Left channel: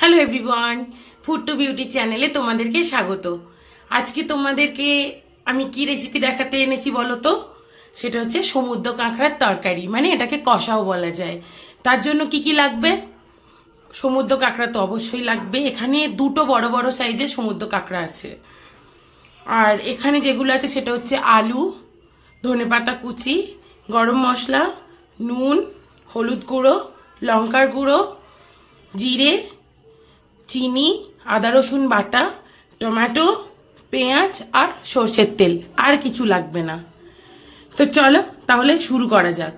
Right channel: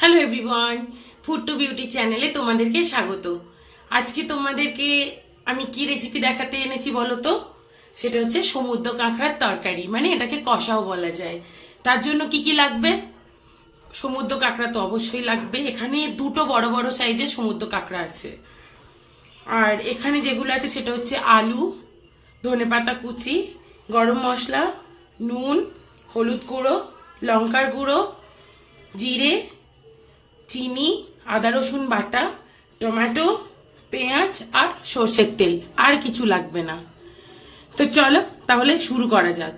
Hello everyone, Food to Beauty চ্যানেলে তোমাদেরকে স্বাগত। আজকে তোমাদেরকে আমি কি রেসিপি দেখাতে এনেছি বলো তো? সেটা হচ্ছে সমুদ্র কাঁকড়ার তরকারি, মানে এটাকে কষাও বলা যায়। তার জন্য কি কি লাগবে? সমুদ্র কাঁকড়া তো অবশ্যই লাগবে। এখানে দুটো বড় বড় সাইজের সমুদ্র কাঁকড়া আছে। আর এখানে যেগুলো আছে সেটা হচ্ছে আলু, ধনেপাতা কুচি, গরম মশলা, নুন, হলুদ গুঁড়ো, লঙ্কার গুঁড়ো, জিরে, চিনি, আদা রসুন বাটা, টমেটো, পেঁয়াজ আর সর্ষের তেল। আর কিছু লাগবে না। তো চলো তাহলে শুরু করা যাক।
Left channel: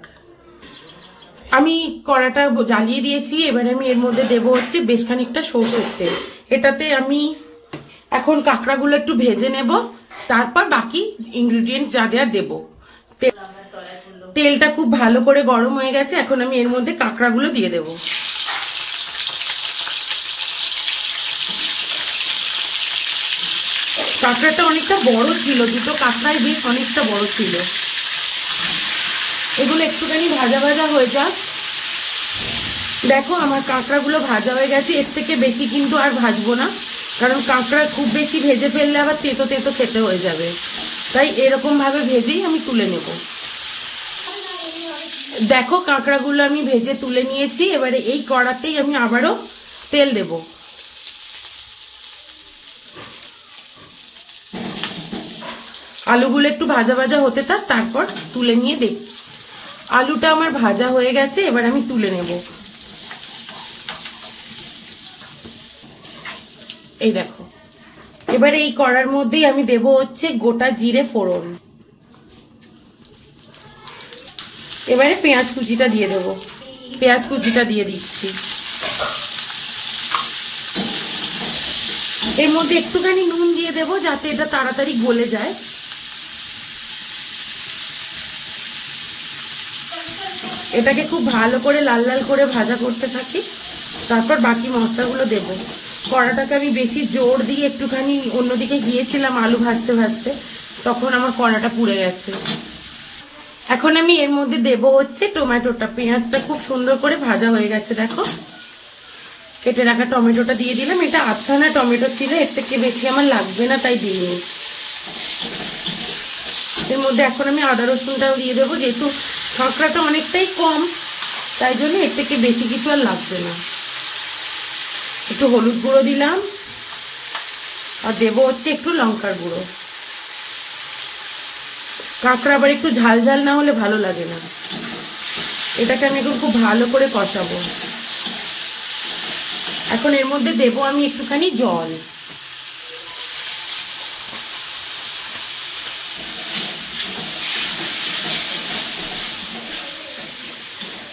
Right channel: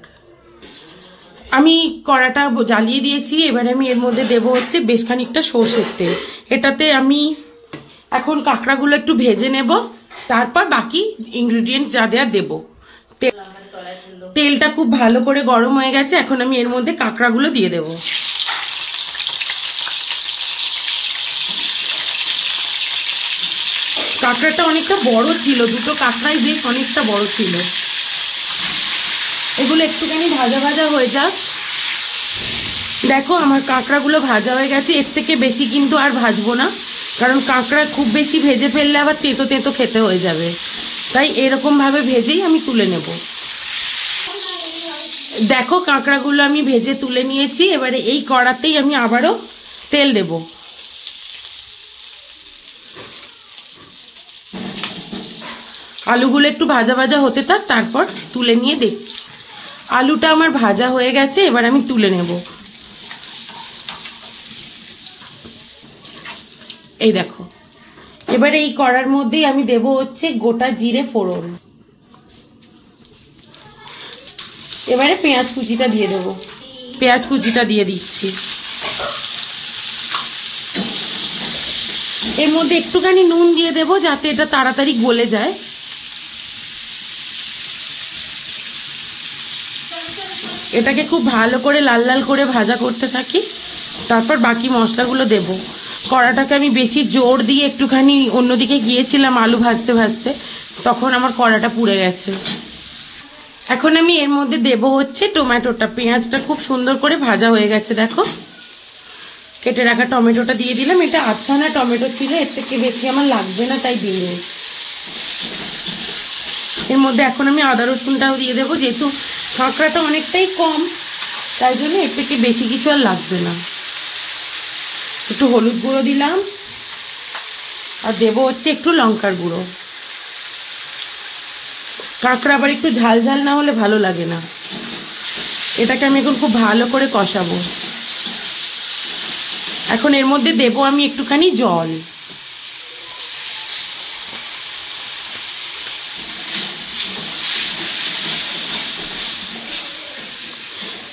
আমি কড়াটা জ্বালিয়ে দিয়েছি। এবারে আমি এর মধ্যে দেবো হচ্ছে বেশ খানিকটা সর্ষের তেল। এটাতে আমি এখন কাঁকড়াগুলো একটু ভেজে নেব, তারপর বাকি ইনগ্রিডিয়েন্টস যা দেওয়া দেবো। তেলটা খুব ভালো করে গরম হয়ে গেছে। এখন আমি এর মধ্যে কাঁকড়াগুলো দিয়ে দেবো। কাঁকড়াটা অনেকটা বড় ছিল, দুটো কাঁকড়াই বেশ অনেকটা বড় ছিল। এগুলো একটুখানি ভাজা ভাজা হয়ে যাক। দেখো আমার কাঁকড়াগুলো ভাজা হয়ে গেছে। এর থেকে বেশি কিন্তু আর ভাজবো না, কারণ কাঁকড়া খুব বেশি ভেজে ফেললে আবার তেতো তেতো খেতে হয়ে যাবে। তাই এরকম ভাবে ভেজেই আমি তুলে নেব। দেখো কাঁকড়াগুলো আমি ভেজে তুলে নিয়েছি। এবারে এই কড়াতেই আমি আবারও তেল দেব। আলুগুলো একটু ভাজা ভাজা হতে থাক, তারপর তুলে নিয়ে দেখছি। আলুটা আমার ভাজা হয়ে গেছে, এবার আমি তুলে নেব। এই দেখো, এবারে এই কড়ার মধ্যেই আমি দেব হচ্ছে গোটা জিরে ফোড়ন। এবারে পেঁয়াজ কুচিটা দিয়ে দেব। পেঁয়াজ কুচিটা দিয়ে দিচ্ছি। এর মধ্যে একটুখানি নুন দিয়ে দেব, যাতে এটা তাড়াতাড়ি গলে যায়। এটাকে খুব ভালো করে লাল লাল করে ভাজা করতে থাকি, তারপর বাকি মশলাগুলো দেব। কড়াটাকে আমি বেশি জোর দিয়ে একটুখানি অন্যদিকে গিয়েছিলাম আলু ভাজতে ভাজতে, তখন আমার কড়াটা পুড়ে গেছে। এখন আমি এর মধ্যে দেব হচ্ছে টমেটোটা। পেঁয়াজটা খুব সুন্দর করে ভাজা হয়ে গেছে। দেখো, কেটে রাখা টমেটোটা দিয়ে দিলাম। এটা আধখানা টমেটো ছিল, এর থেকে বেশি আমার লাগবে না, তাই দিইনি। এর মধ্যে এখন আমি আদা রসুনটাও দিয়ে দেবো, যেহেতু কাঁকড়াটা অনেকটাই কম, তাই জন্য এর থেকে বেশি কিছু আর লাগবে না। একটু হলুদ গুঁড়ো দিলাম, আর দেবো হচ্ছে একটু লঙ্কার গুঁড়ো। কাঁকড়া আবার একটু ঝাল ঝাল না হলে ভালো লাগে না। এটাকে আমি এখন খুব ভালো করে কষাবো। এখন এর মধ্যে দেবো আমি একটুখানি জল।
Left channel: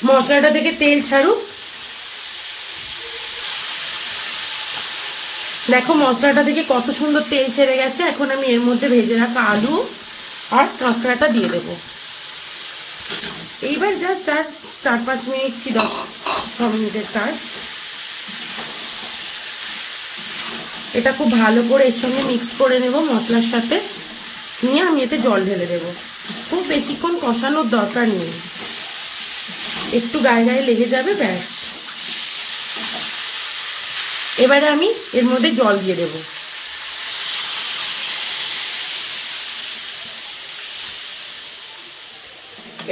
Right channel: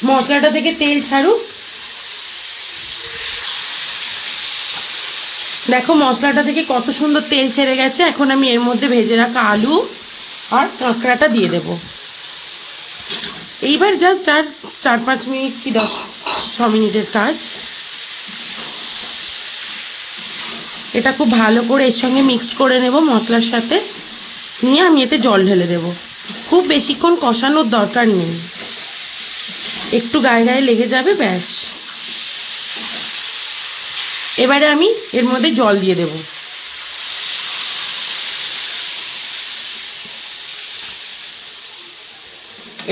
মশলাটা থেকে তেল ছাড়ুক। দেখো মশলাটা থেকে কত সুন্দর তেল ছেড়ে গেছে। এখন আমি এর মধ্যে ভেজে রাখা আলু আর কাঁকড়াটা দিয়ে দেব। এইবার জাস্ট আর 4-5 মিনিট কি 10-6 মিনিটের কাজ। এটা খুব ভালো করে এর সঙ্গে মিক্সড করে নেব মশলার সাথে। নিয়ে আমি এতে জল ঢেলে দেব। খুব বেশিক্ষণ কষানোর দরকার নেই, একটু গায়ে গায়ে লেগে যাবে, ব্যাস। এবারে আমি এর মধ্যে জল দিয়ে দেব।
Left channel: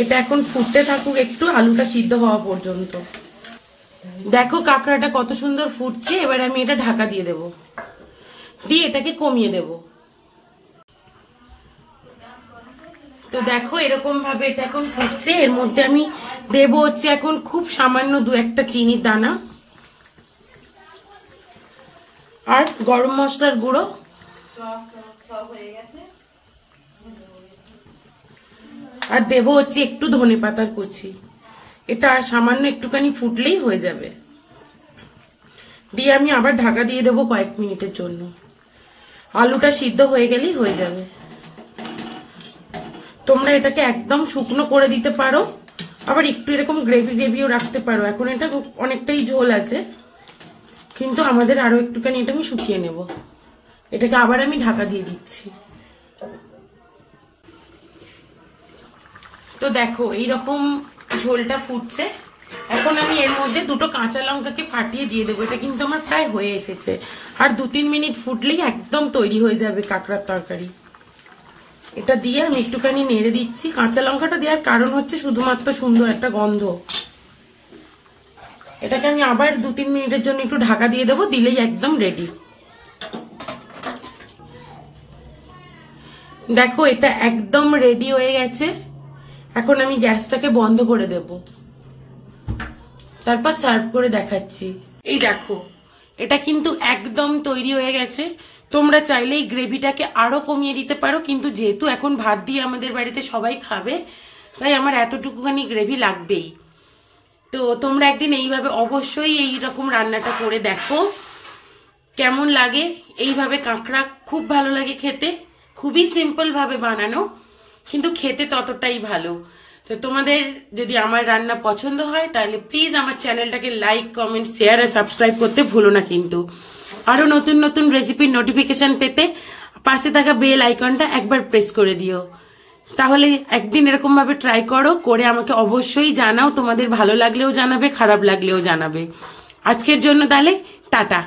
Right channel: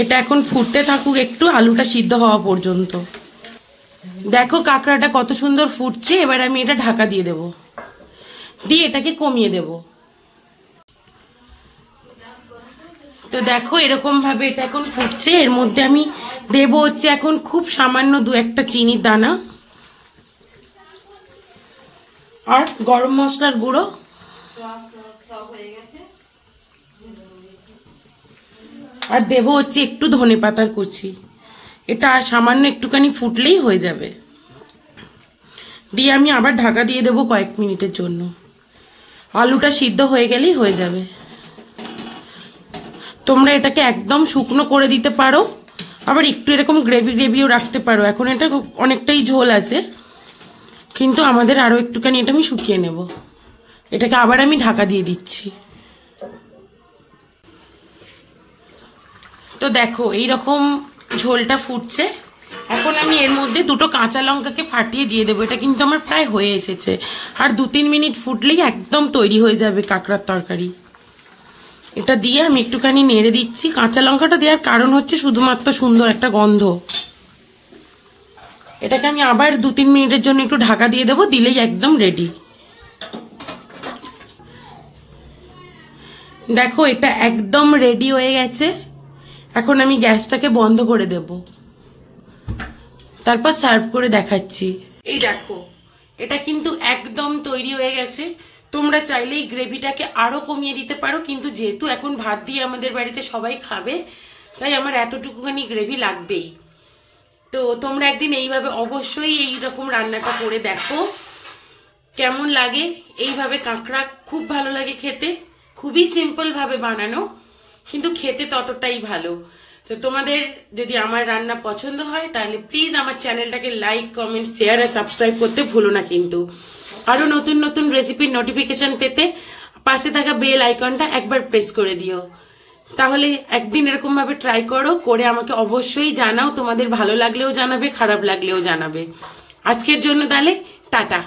এটা এখন ফুটতে থাকুক একটু, আলুটা সিদ্ধ হওয়া পর্যন্ত। দেখো কাঁকড়াটা কত সুন্দর ফুটছে। এবার আমি এটা ঢাকা দিয়ে দেব, দিয়ে এটাকে কমিয়ে দেব। তো দেখো এরকম ভাবে এটা এখন ফুটছে। এর মধ্যে আমি দেব হচ্ছে এখন খুব সামান্য 2-1টা চিনির দানা, আর গরম মশলার গুঁড়ো, আর দেব হচ্ছে একটু ধনেপাতার কুচি। এটা আর সামান্য একটুখানি ফুটলেই হয়ে যাবে। দিয়ে আমি আবার ঢাকা দিয়ে দেবো কয়েক মিনিটের জন্য। আলুটা সিদ্ধ হয়ে গেলেই হয়ে যাবে। তোমরা এটাকে একদম শুকনো করে দিতে পারো, আবার একটু এরকম গ্রেভি গ্রেভিও রাখতে পারো। এখন এটা অনেকটাই ঝোল আছে, কিন্তু আমাদের আরো একটুখানি এটা আমি শুকিয়ে নেব। এটাকে আবার আমি ঢাকা দিয়ে দিচ্ছি। তো দেখো এইরকম ঝোলটা ফুটছে। এখন আমি এর মধ্যে দুটো কাঁচা লঙ্কাকে ফাটিয়ে দিয়ে দেবো। এটা কিন্তু আমার প্রায় হয়ে এসেছে, আর 2-3 মিনিট ফুটলেই একদম তৈরি হয়ে যাবে কাঁকড়ার তরকারি। এটা দিয়ে আমি একটুখানি নেড়ে দিচ্ছি। কাঁচা লঙ্কাটা দেওয়ার কারণ হচ্ছে শুধুমাত্র সুন্দর একটা গন্ধ। এটাকে আমি আবার 2-3 মিনিটের জন্য একটু ঢাকা দিয়ে দেবো, দিলেই একদম রেডি। দেখো এটা একদম রেডি হয়ে গেছে। এখন আমি গ্যাসটাকে বন্ধ করে দেব, তারপর সার্ভ করে দেখাচ্ছি। এই দেখো এটা কিন্তু একদম তৈরি হয়ে গেছে। তোমরা চাইলে এই গ্রেভিটাকে আরো কমিয়ে দিতে পারো, কিন্তু যেহেতু এখন ভাত দিয়ে আমাদের বাড়িতে সবাই খাবে, তাই আমার এতটুকুখানি গ্রেভি লাগবেই। তো তোমরা একদিন এইভাবে অবশ্যই এইরকম রান্নাটা করে দেখো কেমন লাগে। এইভাবে কাঁকড়া খুব ভালো লাগে খেতে, খুবই সিম্পল ভাবে বানানো, কিন্তু খেতে ততটাই ভালো। তো তোমাদের যদি আমার রান্না পছন্দ হয় তাহলে প্লিজ আমার চ্যানেলটাকে লাইক, কমেন্ট, শেয়ার আর সাবস্ক্রাইব করতে ভুলো না কিন্তু। আরো নতুন নতুন রেসিপির নোটিফিকেশন পেতে পাশে থাকা বেল আইকনটা একবার প্রেস করে দিও। তাহলে একদিন এরকম ভাবে ট্রাই করো, করে আমাকে অবশ্যই জানাও। তোমাদের ভালো লাগলেও জানাবে, খারাপ লাগলেও জানাবে। আজকের জন্য তাহলে টাটা।